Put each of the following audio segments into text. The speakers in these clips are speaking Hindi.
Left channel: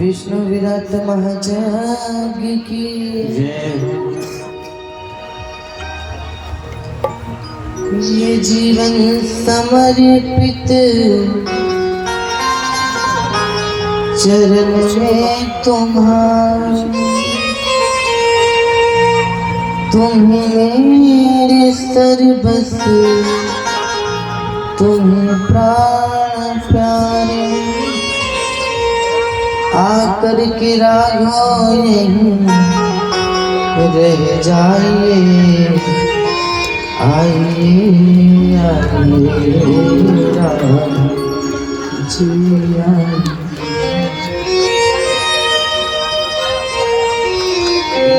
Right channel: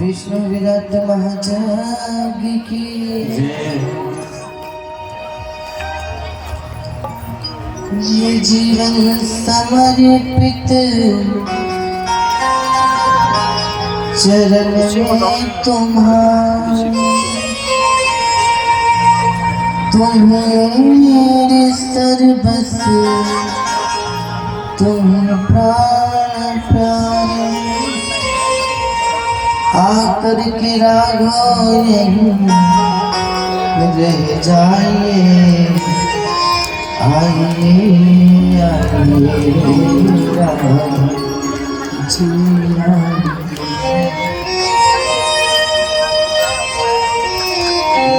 विष्णु विराट महाजाग की ये जीवन समर्पित चरण में तुम्हारे, तुम्हें सर्वस्व तुम्हें प्राण प्यारे, आकर के राघव यहीं रह जाइए, आइए आइए राम जी आइए।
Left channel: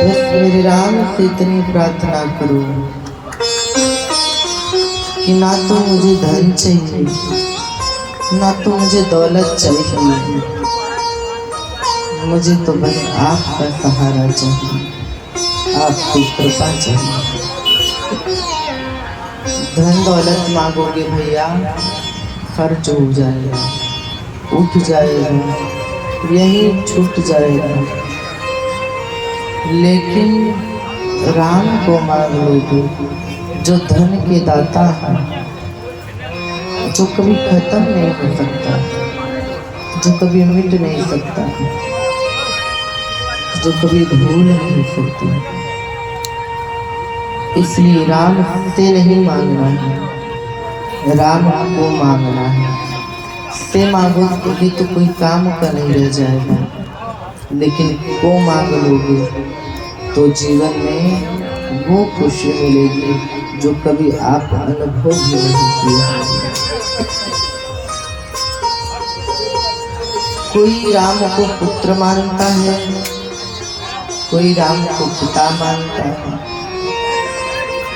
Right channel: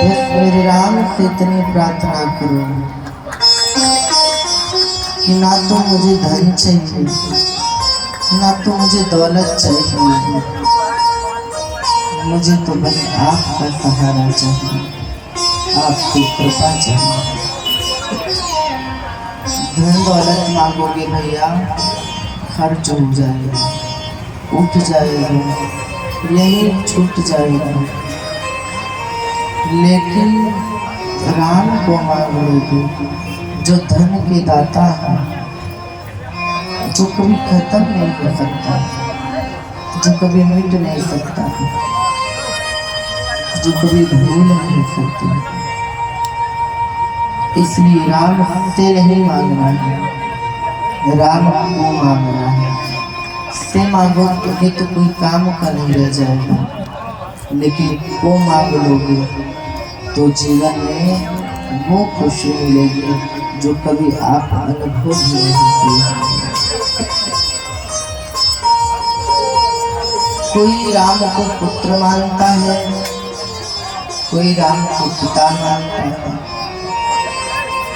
बस मेरे राम से इतनी प्रार्थना करो कि ना तो मुझे धन चाहिए, ना तो मुझे दौलत चाहिए, मुझे तो बस आपका सहारा चाहिए, आपकी कृपा चाहिए। धन दौलत मांगोगे भैया खर्च हो जाएगा, उठ जाएगा, यही छूट जाएगा, लेकिन राम को मांग लोगे जो धन के दाता है, जो कभी खत्म नहीं हो सकता, जो कभी मिट नहीं सकता, जो कभी भूल नहीं सकती। इसलिए राम से नहीं मांगना है, राम को मांगना है। से मांगोगे तो कोई काम का नहीं रह जाएगा, लेकिन को मांग लोगे तो जीवन में वो खुशी मिलेगी जो कभी आप अनुभव भी नहीं किए। कोई राम को पुत्र मानता है, कोई राम को पिता मानता है,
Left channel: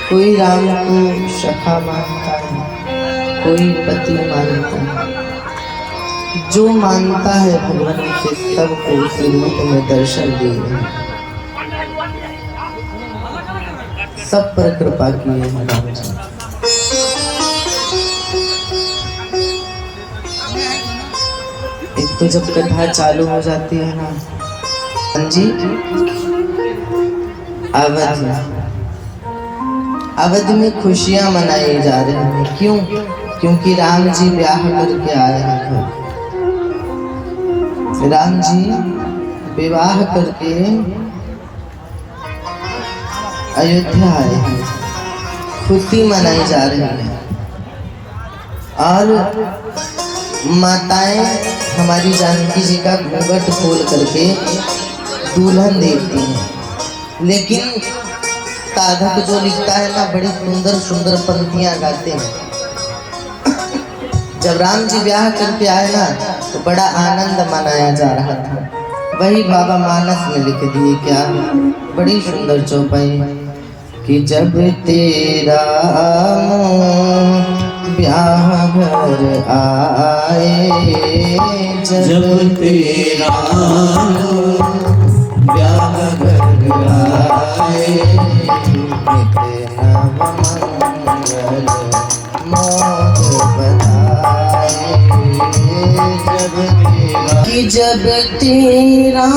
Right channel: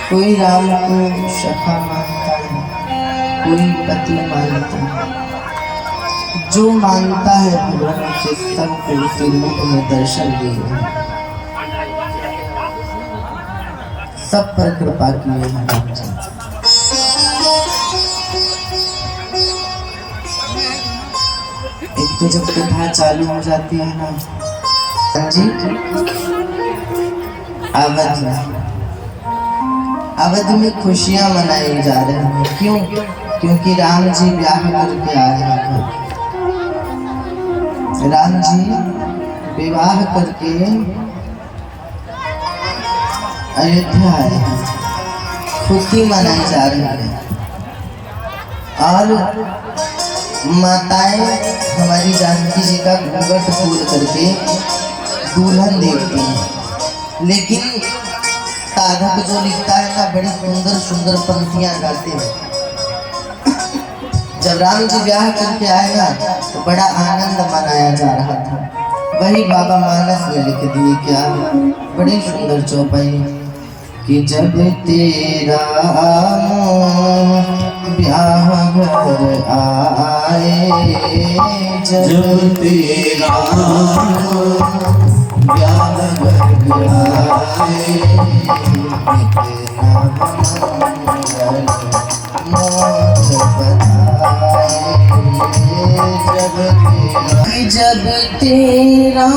कोई राम को सखा मानता है, कोई पति मानता है। जो मानता है भगवान से सबको उसी रूप में दर्शन दिए, सब पर कृपा किए हैं। एक तो जब कथा चालू हो जाती है ना जी, अवध में खुशियां मनाई जा रही हैं। क्यों? क्योंकि राम जी ब्याह करके आए हैं। राम जी विवाह करके अयोध्या आए हैं, खुशी मनाई जा रही है। और माताएं हमारी जानकी जी का घूंघट खोल करके दुल्हन देखती हैं, लेकिन साधक जो लिखता है ना, बड़ी सुंदर सुंदर पंक्तियां गाते हैं। जब राम जी ब्याह करके आए ना तो बड़ा आनंद मनाया जा रहा था। वही बाबा मानस में लिख दिए क्या, बड़ी सुंदर चौपाई कि जब तेरा ब्याह घर आए, जब तेरा ब्याह घर आए, जब तेरा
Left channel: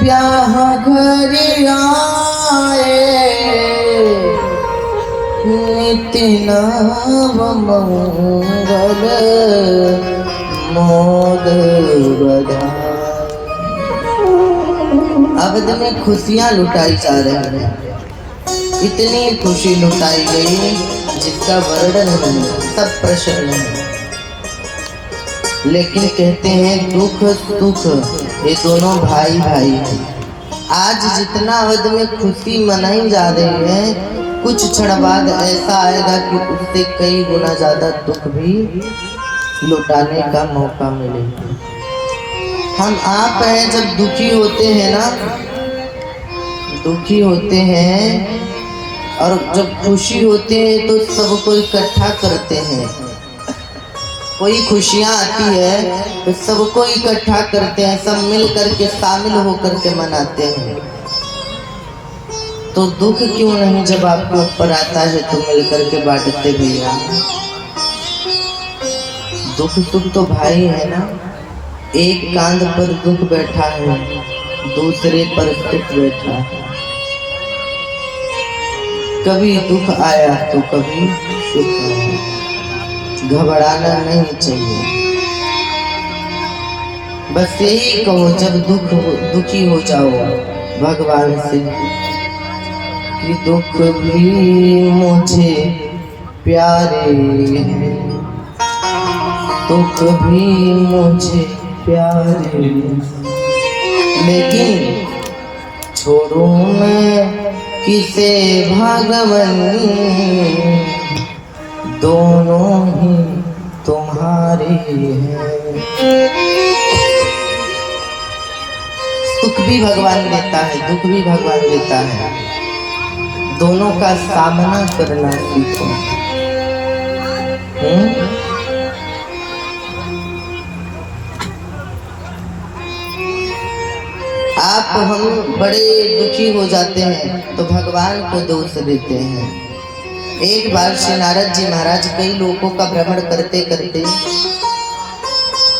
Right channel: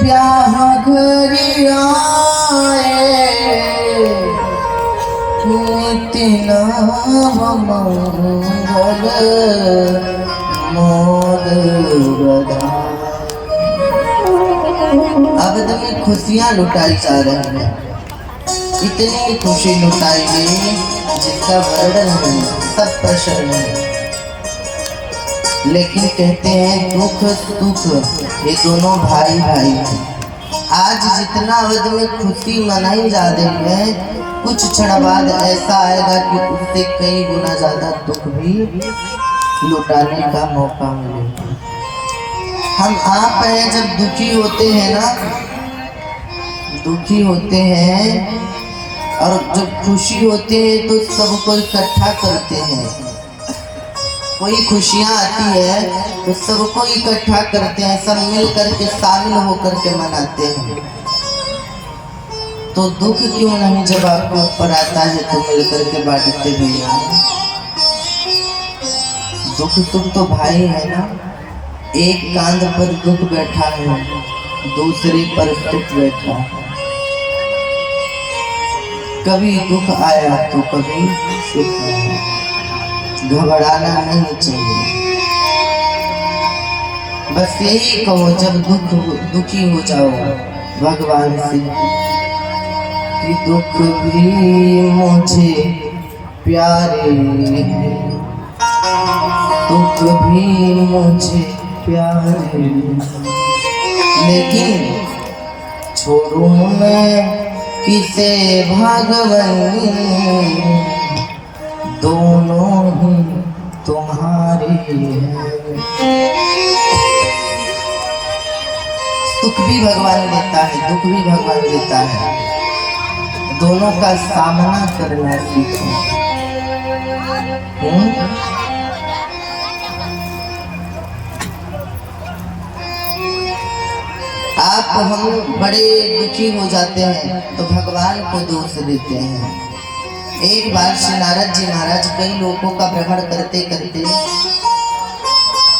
ब्याह घर आए, तेरा मंगल मोद बधाई। अवध में खुशियां लुटाई जा रही है, इतनी खुशी लुटाई गई जिसका वर्णन नहीं, सब प्रसन्न है। लेकिन कहते हैं दुख सुख ये दोनों भाई भाई हैं। आज जितना अवध में खुशी मनाई जा रही है, कुछ क्षण बाद ऐसा आएगा कि उससे कई गुना ज्यादा दुख भी लुटाने का मौका मिलेगा। हम आप हैं, जब दुखी होते हैं ना, दुखी होते हैं, और जब खुशी होते हैं तो सबको इकट्ठा करते हैं। कोई खुशियाँ आती है तो सबको इकट्ठा करते हैं, सब मिल करके शामिल होकर के मनाते हैं। तो दुख क्यों नहीं, जब आपको ऊपर आता है तो मिल करके बांटते भैया। दुख सुख तो भाई है ना, एक कांध पर दुख बैठा है, दूसरे पर सुख बैठा है। कभी दुख आया तो कभी सुख आया, घबराना नहीं चाहिए। बस यही कहो जब दुखी हो जाओ भगवान से कि दुख भी मुझे प्यारे हैं, दुख भी मुझे प्यारे, लेकिन छोड़ू मैं किसे भगवान, दोनों ही तुम्हारे हैं। सुख भी भगवान देता है, दुख भी भगवान देता है, दोनों का सामना करना सीखो। आप हम बड़े दुखी हो जाते हैं तो भगवान को दोष देते हैं। एक बार श्री नारद जी महाराज कई लोगों का भ्रमण करते करते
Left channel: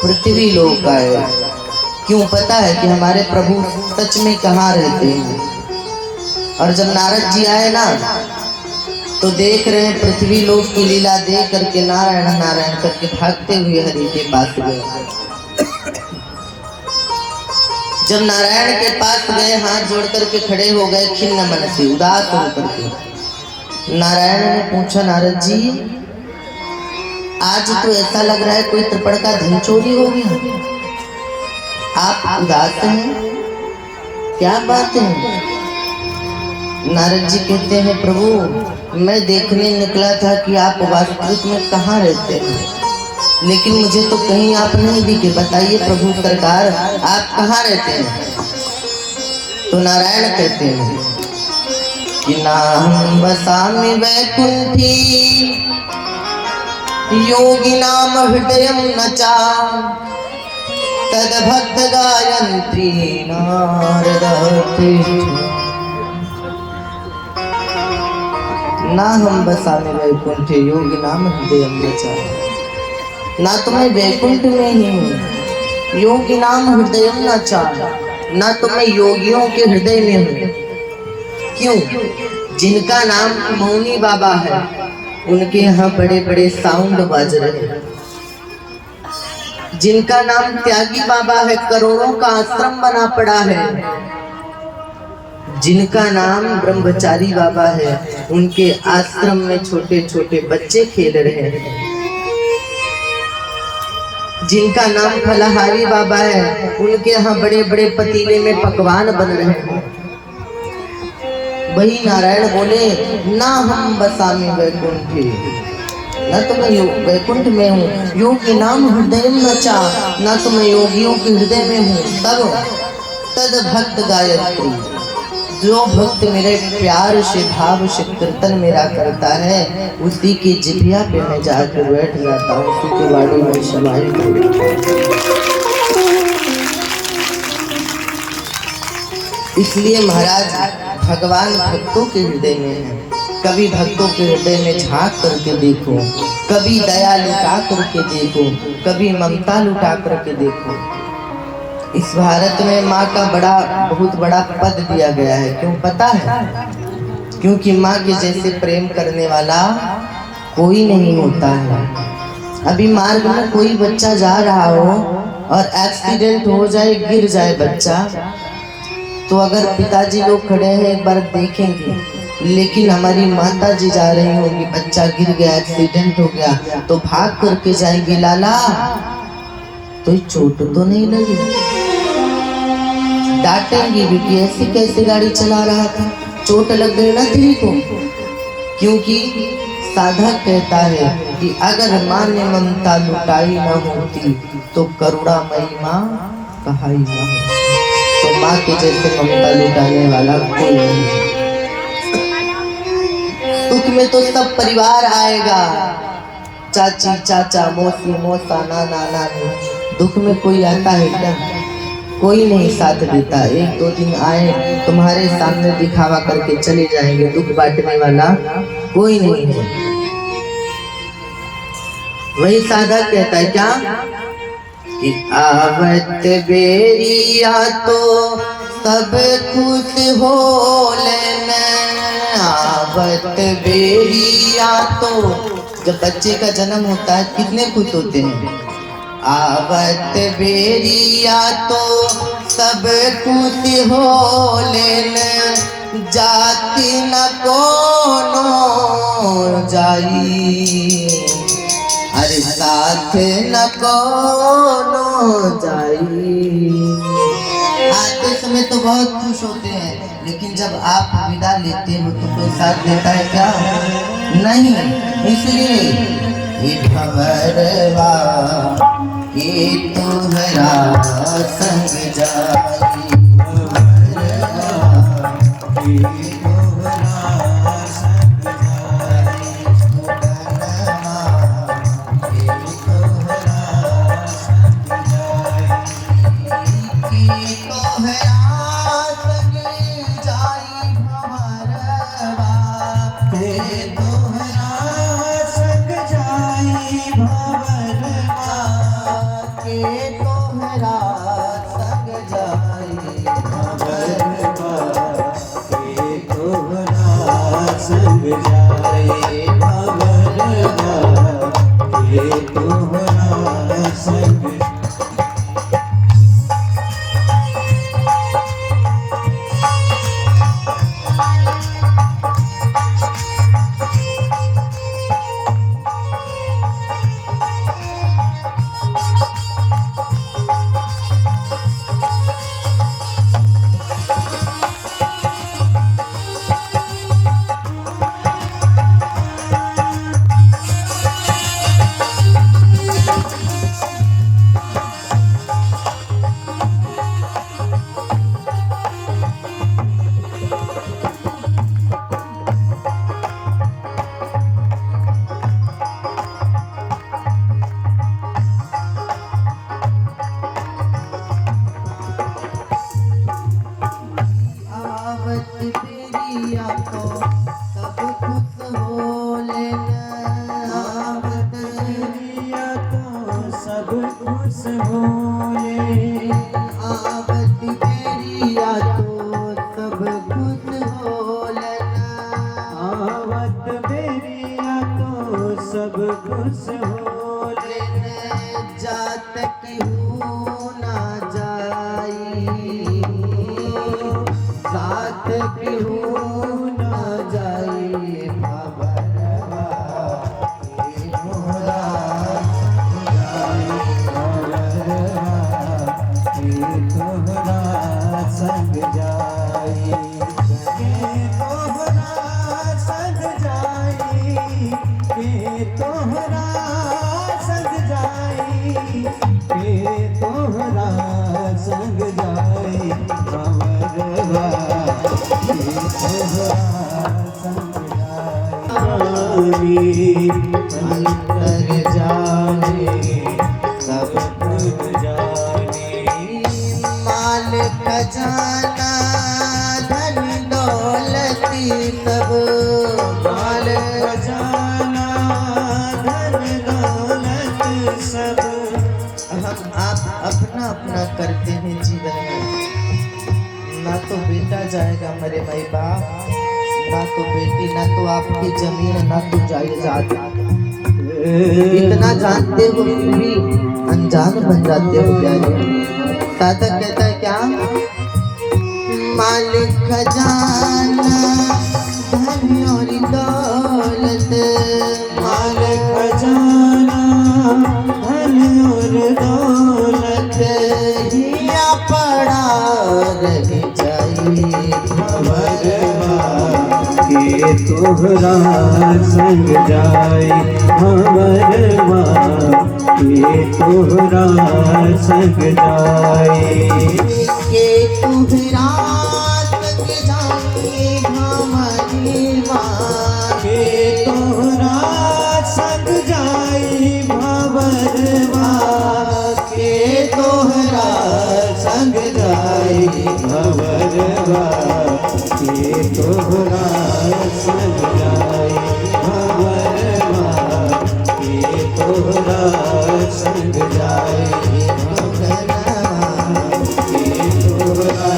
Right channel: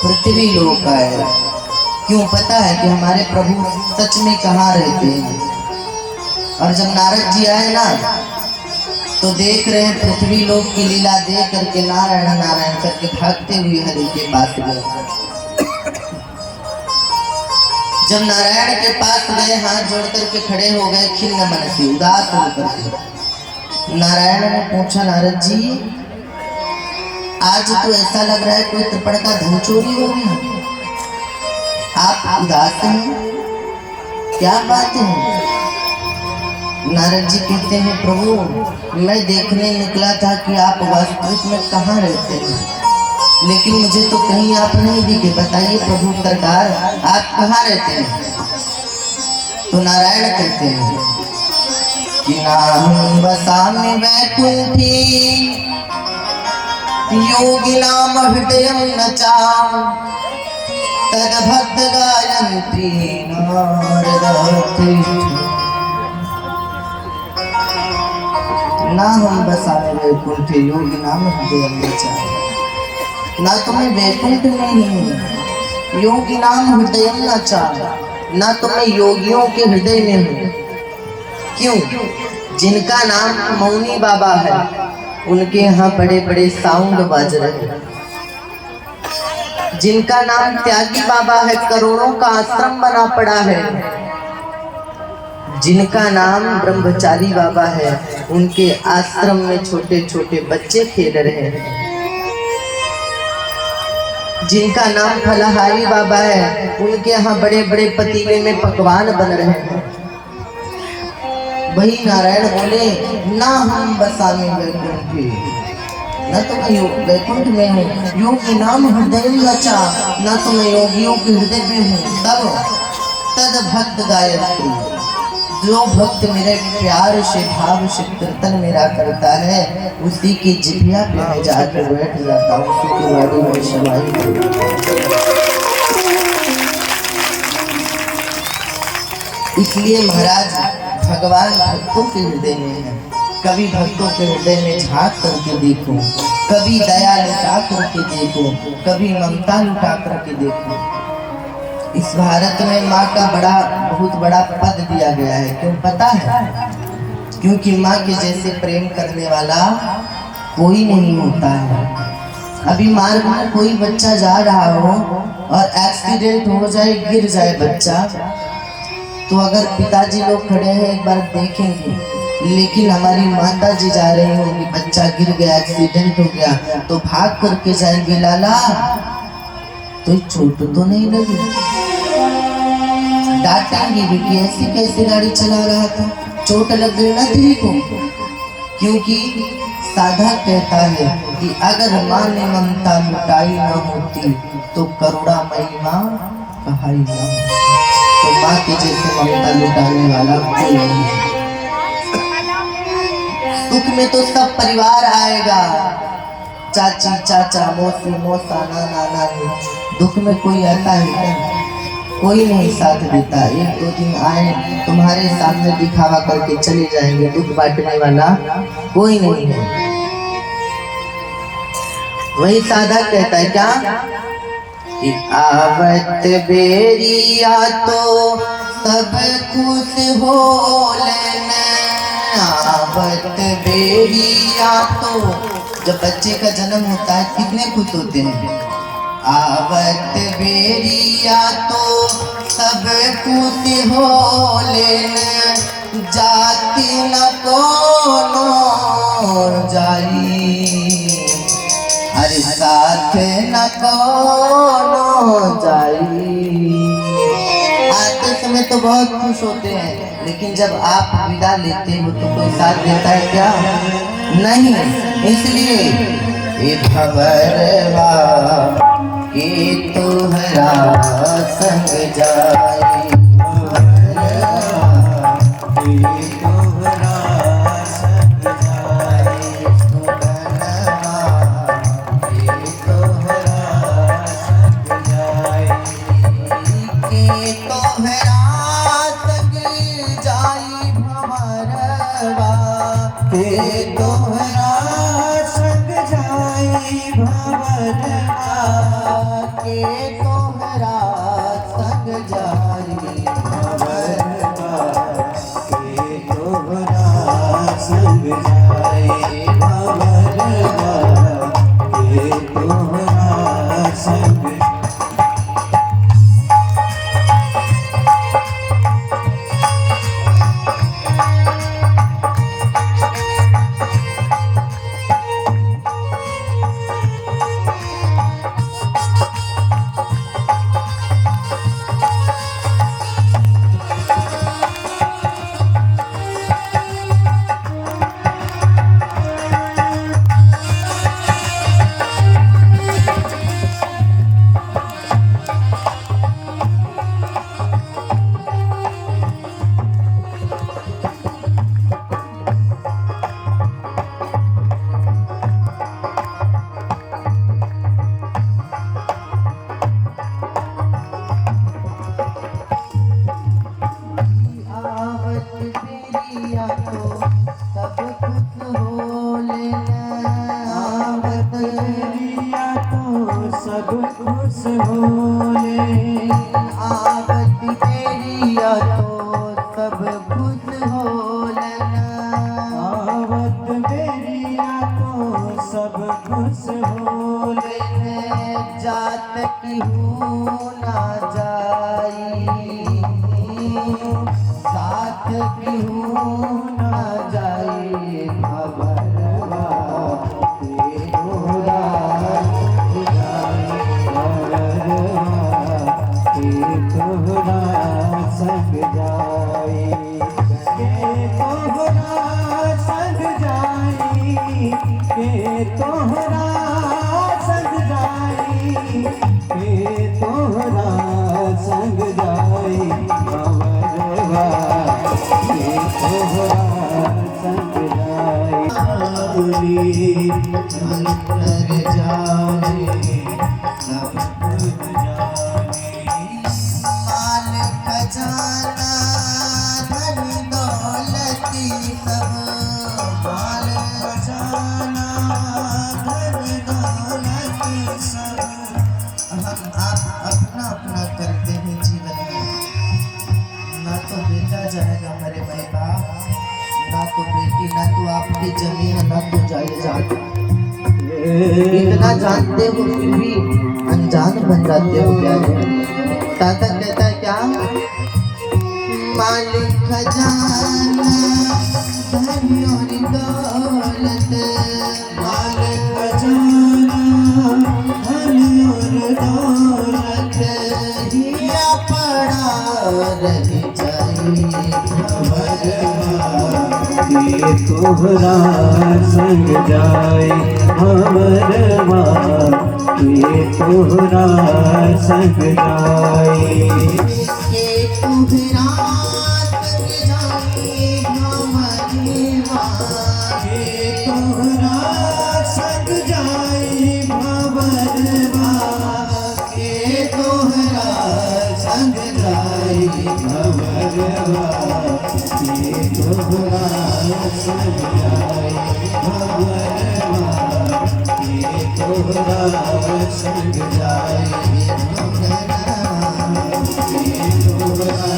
पृथ्वी लोक आए। क्यों? पता है कि हमारे प्रभु सच में कहाँ रहते हैं। और जब नारद जी आए ना तो देख रहे हैं पृथ्वी लोक की लीला देख करके नारायण नारायण करके भागते हुए हरि के पास गए। जब नारायण के पास गए हाथ जोड़ करके खड़े हो गए खिन्न मन से उदास होकर के। नारायण ने पूछा नारद जी आज तो ऐसा लग रहा है कोई त्रिपड़ का धन चोरी हो गया, आप उदास हैं, क्या बात है? नारद जी कहते हैं प्रभु मैं देखने निकला था कि आप वास्तविक में कहाँ रहते हैं, लेकिन मुझे तो कहीं आप नहीं दिखे, बताइए प्रभु सरकार आप कहाँ रहते हैं? तो नारायण कहते हैं कि नाम वसामि वैकुंठी योगी नाम हृदय नचा तद भक्त गायत्री नारद ना हम बसाने वैकुंठ योगी नाम हृदय नचा, ना तो मैं वैकुंठ में ही हूँ योगी नाम हृदय नचा, ना तो मैं योगियों के हृदय में हूँ। क्यों? जिनका नाम मौनी बाबा है उनके यहाँ बड़े बड़े साउंड बज रहे हैं। जिनका नाम त्यागी बाबा है करोड़ों का आश्रम बना पड़ा है। जिनका नाम ब्रह्मचारी बाबा है उनके आश्रम में छोटे छोटे बच्चे खेल रहे हैं। जिनका नाम फलाहारी बाबा है उनके यहाँ बड़े बड़े पतीले में पकवान बन रहे हैं। वही नारायण बोले ना हम बसाने वैकुंठी, न तो मैं वैकुंठ में हूँ योगी नाम हृदय नचा, ना तो मैं योगियों के हृदय में हूँ। तब तद भक्त गायत्री, जो भक्त मेरे प्यार से भाव से कीर्तन मेरा करता है उसी की जिभिया पे मैं जाकर बैठ जाता हूँ, उसी के बारे में समाहित हो जाता हूँ। इसलिए महाराज भगवान भक्तों के हृदय में है। कभी भक्तों के हृदय में झांक करके देखो, कभी दया लुटा करके देखो, कभी ममता लुटा करके देखो। इस भारत में माँ का बहुत बड़ा पद दिया गया है। क्यों पता है? क्योंकि माँ के जैसे प्रेम करने वाला कोई नहीं होता है। अभी मार्ग में कोई बच्चा जा रहा हो और एक्सीडेंट हो जाए, गिर जाए बच्चा, तो अगर पिताजी लोग खड़े हैं एक बार देखेंगे, लेकिन हमारी माता जी जा रही होगी, बच्चा गिर गया, एक्सीडेंट हो गया, तो भाग करके जाएंगे लाला तो चोट तो नहीं लगी, डांटेंगे भी कि ऐसी कैसे गाड़ी चला रहा था, चोट लग गई ना तेरी को। क्योंकि साधक कहता है कि अगर माँ ने ममता लुटाई न होती तो करुणामयी माँ कहाई न होती। तो माँ के जैसे ममता लुटाने वाला कोई नहीं। दुख में तो सब परिवार आएगा, चाची चाचा मौसी मौसा नाना नानी। दुख में कोई आता है क्या? कोई नहीं साथ देता। एक दो दिन आए तुम्हारे सामने दिखावा करके चले जाएंगे, दुख बांटने वाला कोई नहीं है। वही साधक कहता है क्या कि आवत बेरिया तो सब खुश हो लेना। आवत बेरिया तो जब बच्चे का जन्म होता है कितने खुश होते हैं। आवत बेरिया तो सब खुश हो लेना, जाति न कोनो जाई, अरे साथ न कोनो जाई। आते समय तो बहुत खुश होते हैं, लेकिन जब आप विदा लेते हो तो कोई साथ देता है क्या? नहीं। इसलिए भंवरवा के तुम्हारा संग जाई, संग जाए भंवरवा के तोहरा संग। सब खुश हो जात क्यों ना जाई साथ क्यों ना जाई भंवरवा के तोहरा संग जाए तोहरा संग जाए के तोहरा संग जाए के तोहरा संग जाए भंवरवा के तोहरा संग जाए अंतर जाने सब कुछ जाने माल खजाना धन दौलती सब माल खजाना धन दौलत सब। आप अपना अपना करते हैं जीवन में, ना तो बेटा जाएगा मेरे भाई बाप, ना तो बेटी, ना तो आपकी जमीन, ना तो जायदाद। इतना जानते हो फिर भी अनजान बन जाते हो प्यारे। दादा कहता है क्या, मालिक खजाना धन और दौलत, मालिक खजाना धन और दौलत हिया पड़ा रह जाए भंवरवा के तोहरा संग जाए भंवरवा के तोहरा संग जाए के तोहरा संग जाए भंवरवा के तोहरा संग जाए भंवरवा के तोहरा संग जाए भंवरवा के तोहरा संग जाए भंवरवा के तोहरा संग जाए के तोहरा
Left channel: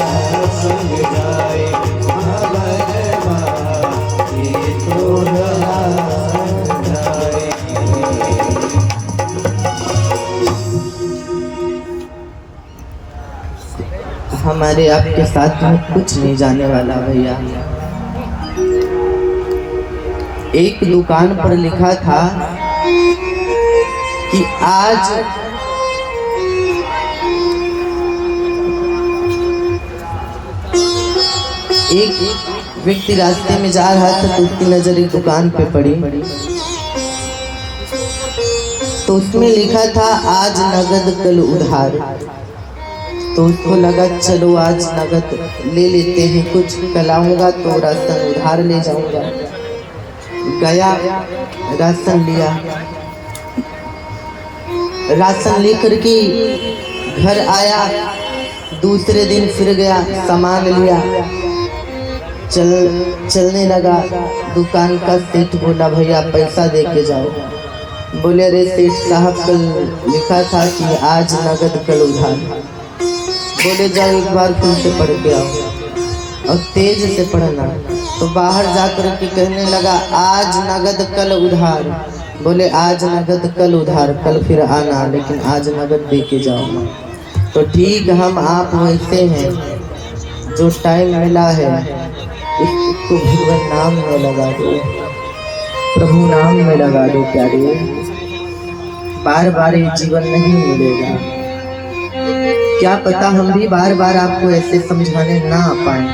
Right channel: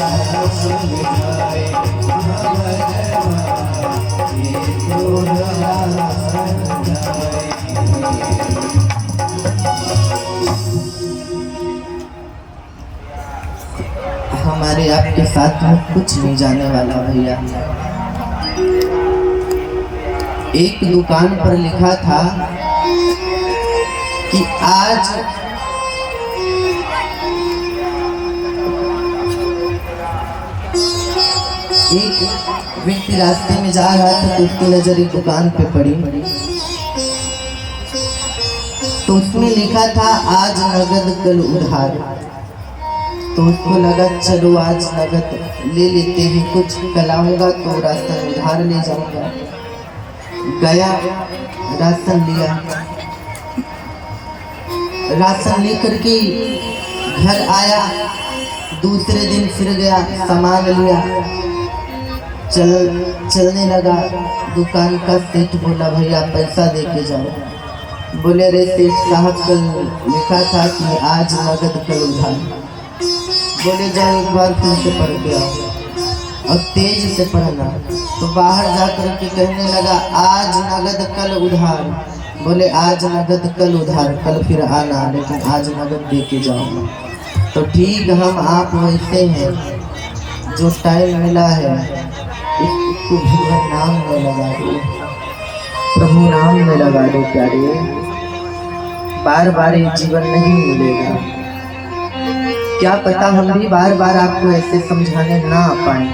संग जाए भंवरवा के तोहरा संग जाए। हमारे आपके साथ में कुछ नहीं जाने वाला भैया। एक दुकान पर लिखा था कि आज एक व्यक्ति रास्ते में जा रहा था तो उसकी नजर एक दुकान पे पड़ी, तो उसमें लिखा था आज नगद कल उधार। तो उसको लगा चलो आज नगद ले लेते हैं, कुछ कल आऊंगा तो राशन उधार ले जाऊंगा। गया राशन लिया, राशन लेकर के घर आया, दूसरे दिन फिर गया सामान लिया, चलने लगा। दुकान का सेठ बोला भैया पैसा दे के जाओ। बोले रे सेठ साहब कल लिखा था कि आज नगद कल उधार। बोले जाओ एक बार फिर से पढ़ के आओ और तेज से पढ़ना। तो बाहर जाकर के कहने लगा आज नगद कल उधार। बोले आज नगद कल उधार, कल फिर आना, लेकिन आज नगद दे के जाओ। तो ठीक हम आप वैसे हैं, जो टाइम मिला है इसको भगवान नाम में लगा दो, प्रभु नाम में लगा दो प्यारे। बार बार ये जीवन नहीं मिलेगा। क्या पता हम भी बार बार आपको ऐसे समझाने ना आ पाए।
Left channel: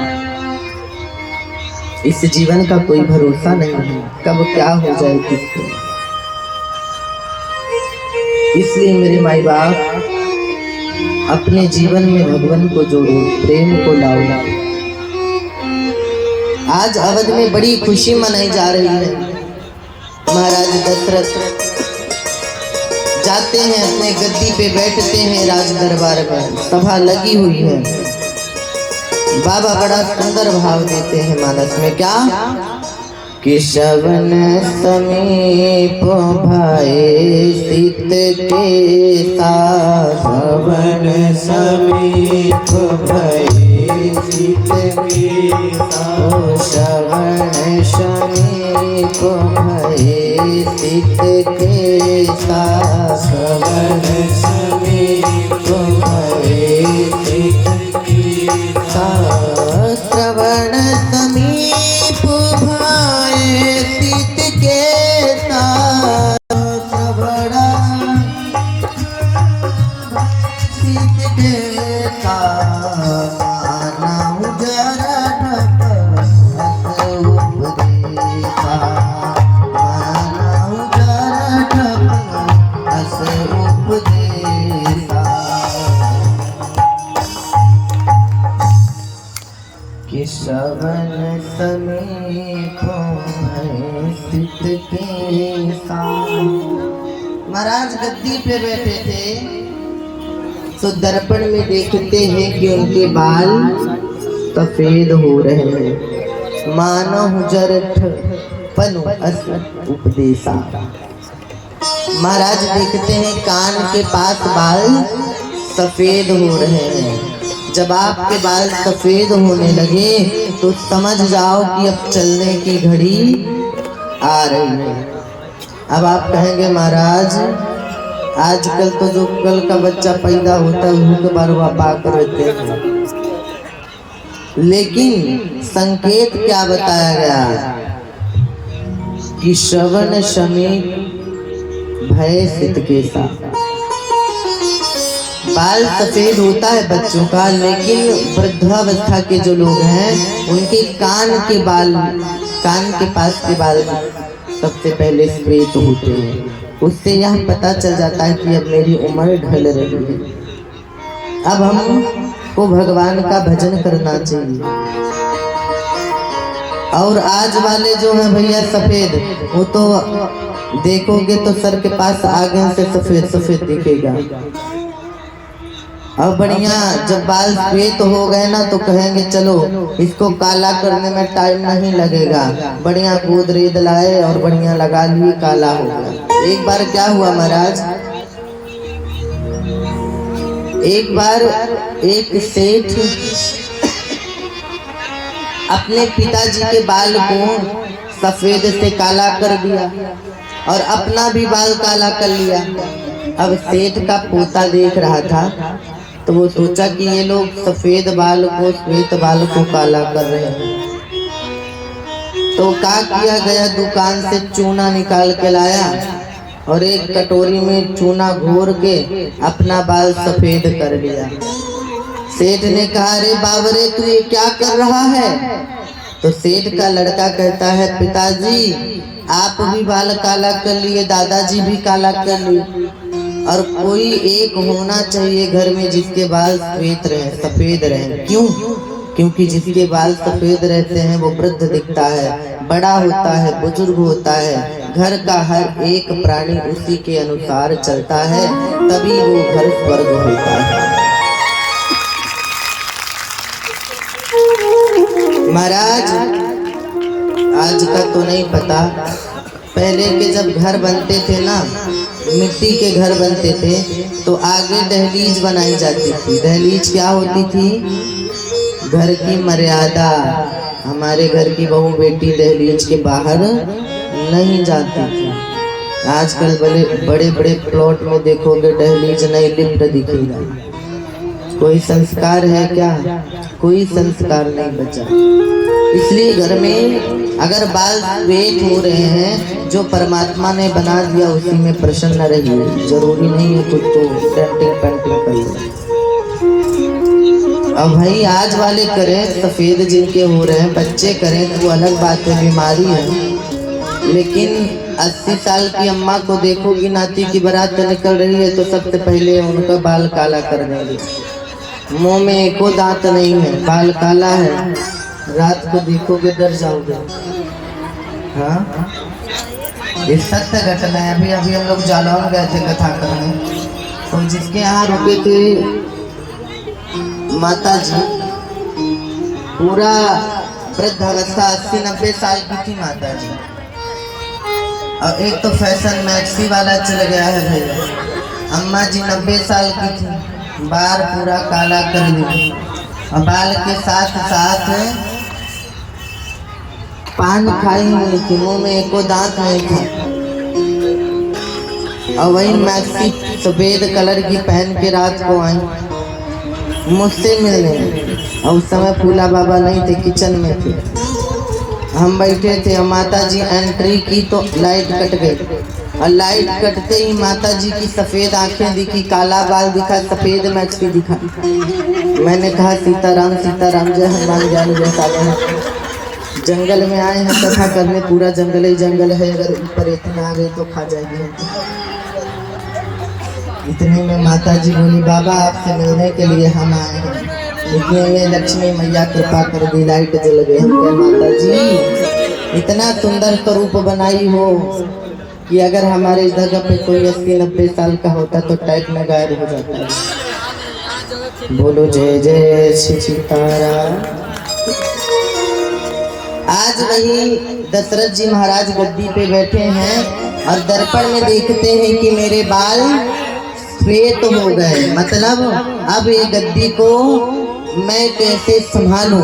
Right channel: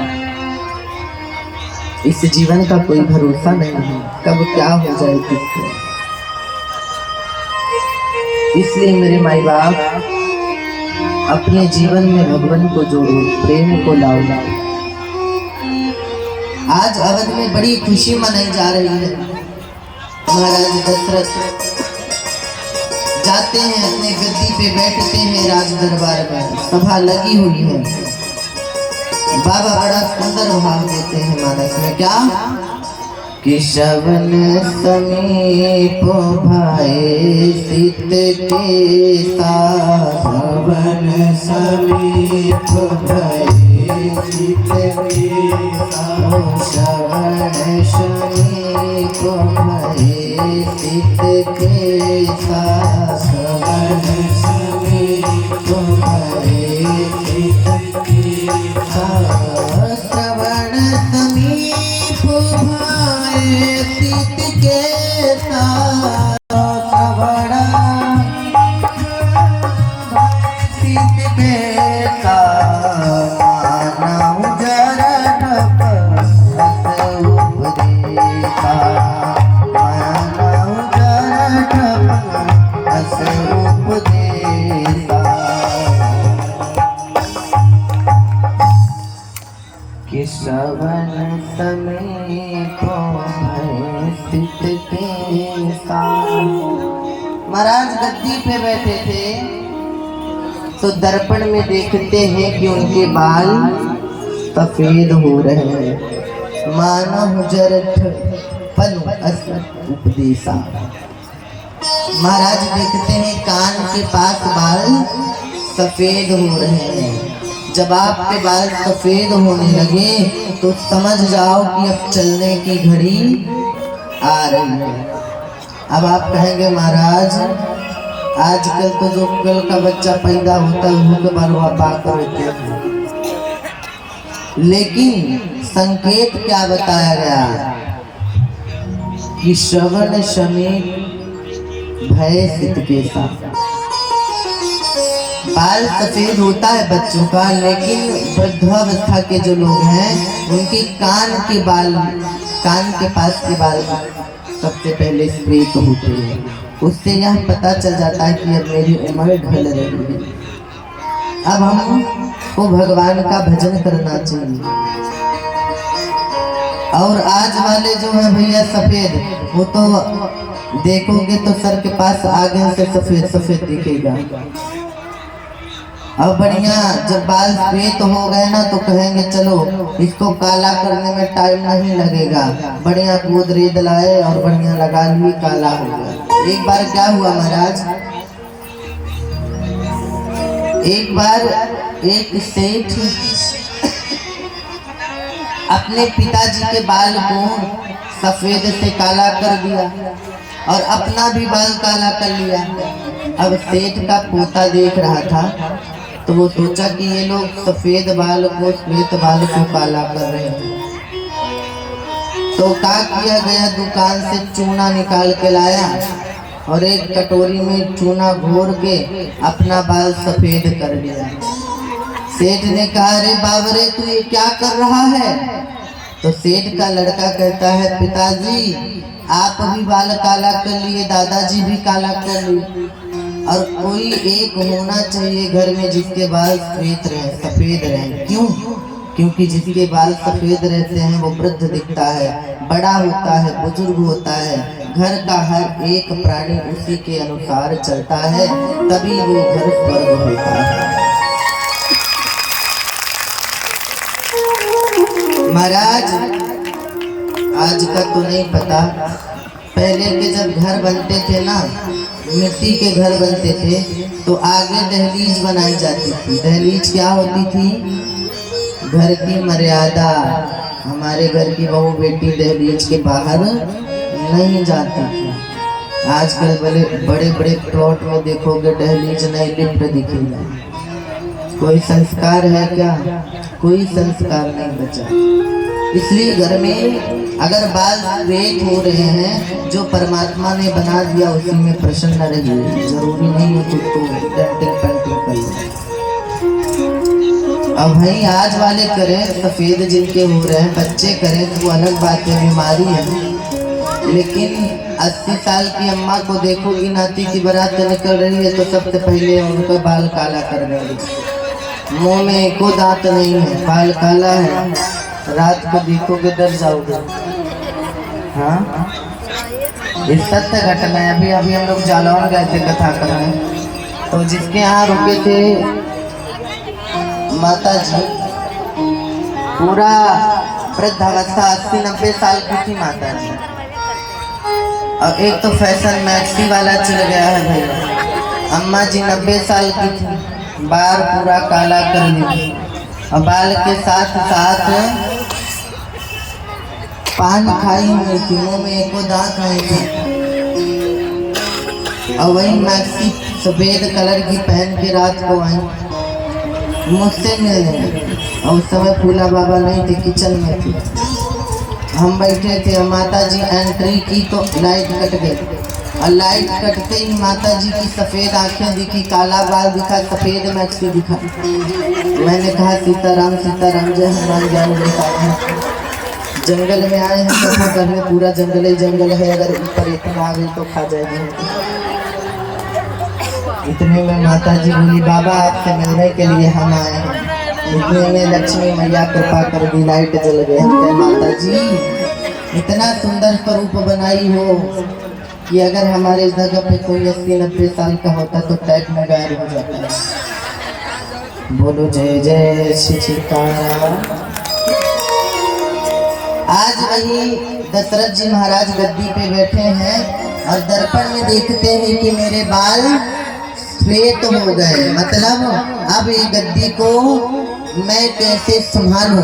इस जीवन का कोई भरोसा नहीं है, कब क्या हो जाए किसको। इसलिए मेरे माई बाप अपने जीवन में भगवान को जोड़ो, प्रेम को लाओ। आज अवध में बड़ी खुशी मनाई जा रही है। महाराज दशरथ जाते हैं, अपने गद्दी पे बैठते हैं, राज दरबार में सभा लगी हुई है। बाबा बड़ा सुंदर भाव देते हैं मानस में, क्या कि श्रवण समीप भाई सीत के साथ, श्रवण समीप भाई सीत के साथ, श्रवण समीप भाई सीत के साथ, श्रवण समीप भाई सीत के साथ, श्रवण समीप भाई सीत के साथ, श्रवण सीत के साथ, नाम जरा कि श्रवण समीप स्थित के साथ। महाराज गद्दी पे बैठे थे तो दर्पण में देखते हैं कि उनके बाल सफेद हो रहे हैं। मानव जरठ पनु अस उपदेशा। महाराज देखते हैं कान के पास बाल सफेद हो रहे हैं। जब आपके बाल सफेद होने लगे तो समझ जाओ कि अब चलने की घड़ी आ रही है। अब आप कहेंगे महाराज आजकल तो जो कल का बच्चा पैदा होता है उनके बाल पाकर होते हैं, लेकिन संकेत क्या बताया गया कि श्रवण समीप भय सिद्ध के साथ। बाल सफेद होता है बच्चों का, लेकिन वृद्धावस्था के जो लोग हैं उनके कान के बाल, कान के पास के बाल सबसे पहले श्वेत होते हैं। उससे यह पता चल जाता है कि अब मेरी उम्र ढल रही है, अब हमको भगवान का भजन करना चाहिए। और आज वाले जो है भैया सफेद, वो तो देखोगे तो सर के पास आगे से सफेद सफेद दिखेगा। अब बढ़िया जब बाल श्वेत हो गए ना तो कहेंगे चलो इसको काला करने में टाइम नहीं लगेगा, बढ़िया गोदरेज लाए और बढ़िया लगा लिए, काला हो गया। एक बार क्या हुआ महाराज, एक बार एक सेठ अपने पिताजी के बाल को सफेद से काला कर दिया और अपना भी बाल काला कर लिया। अब सेठ का पोता देख रहा था तो वो सोचा कि ये लोग सफेद बाल को श्वेत बाल को काला कर रहे हैं। तो क्या किया गया, दुकान से चूना निकाल के लाया और एक कटोरी में चूना घोर के अपना बाल सफेद कर लिया। सेठ ने कहा अरे बाबरे तू ये क्या कर रहा है? तो सेठ का लड़का कहता है पिताजी आप भी बाल काला कर लिए, दादाजी भी काला कर लिए, और कोई एक होना चाहिए घर में जिसके बाल श्वेत रहे, सफेद रहे। क्यों? क्योंकि जिसके बाल सफेद रहते हैं वो वृद्ध दिखता है, बड़ा होता है, बुजुर्ग होता है, घर का हर एक प्राणी उसी के अनुसार चलता है, तभी वो घर स्वर्ग होता है। महाराज आज का तो नहीं पता, पहले के जब घर बनते थे ना, मिट्टी के घर बनते थे तो आगे दहलीज बनाई जाती थी। दहलीज क्या होती थी? घर की मर्यादा, हमारे घर की बहू बेटी दहलीज के बाहर नहीं जाती थी। आजकल बड़े बड़े प्लॉट में देखोगे दहलीज नहीं, लिफ्ट दिखेगा। कोई संस्कार है क्या? कोई संस्कार नहीं बचा। इसलिए घर में अगर बाल वेट हो रहे हैं, जो परमात्मा ने बना दिया उसी में प्रसन्न रहिए। जरूरी नहीं है खुद को डेंटिंग पेंटिंग करिए। अब भाई आज वाले करें सफेद जिनके हो रहे हैं, बच्चे करें तो वो अलग बात है, बीमारी है। लेकिन 80 साल की अम्मा को देखोगी, नाती की बारात तो निकल रही है तो सबसे पहले उनका बाल काला कर देंगे। मुंह में एको दांत नहीं है, बाल काला है, रात को देखोगे डर जाओगे। हाँ, इस सत्य घटना है। अभी अभी हम लोग जालौन गए थे कथा करने, तो जिसके यहाँ रुके थे माता जी, पूरा वृद्धावस्था 80-90 साल की थी माता जी। अब एक तो फैशन मैक्सी वाला चल गया है भैया। अम्मा जी 90 साल की थी, बाल पूरा काला कर दिया और बाल के साथ साथ पान खाई हुई थी, मुंह में एको दांत नहीं था। और वही मैक्सी सफेद कलर की पहन के रात को आई, मुझसे मिलने। और उस समय फूला बाबा नहीं थे, किचन में थे, हम बैठे थे। माता जी एंट्री की तो लाइट कट गई, और लाइट कटते ही माता जी की सफेद आंखें दिखी, काला बाल दिखा, सफेद मैक्सी दिखा। मैंने कहा सीताराम सीताराम, जय हनुमान ज्ञान गुण सागर। जंगल में आए हैं कथा करने, पूरा जंगल ही जंगल है, अगर ऊपर इतना आ गए तो खा जाएगी। इतने में माता जी बोली, बाबा आपसे मिलने के लिए हम आए हैं। इतने में लक्ष्मी मैया कृपा कर दी, लाइट जल गई। हम कहे माता जी इतना सुंदर स्वरूप बनाई हो कि अगर हमारे जगह पे कोई 80-90 साल का होता तो टैग में गायब हो जाता है। बोलो जय जय श्री सीताराम। आज वही दशरथ जी महाराज गद्दी पे बैठे हैं और दर्पण में देखते हैं कि मेरे बाल श्वेत हो गए, मतलब अब ये गद्दी को मैं कैसे संभालूं।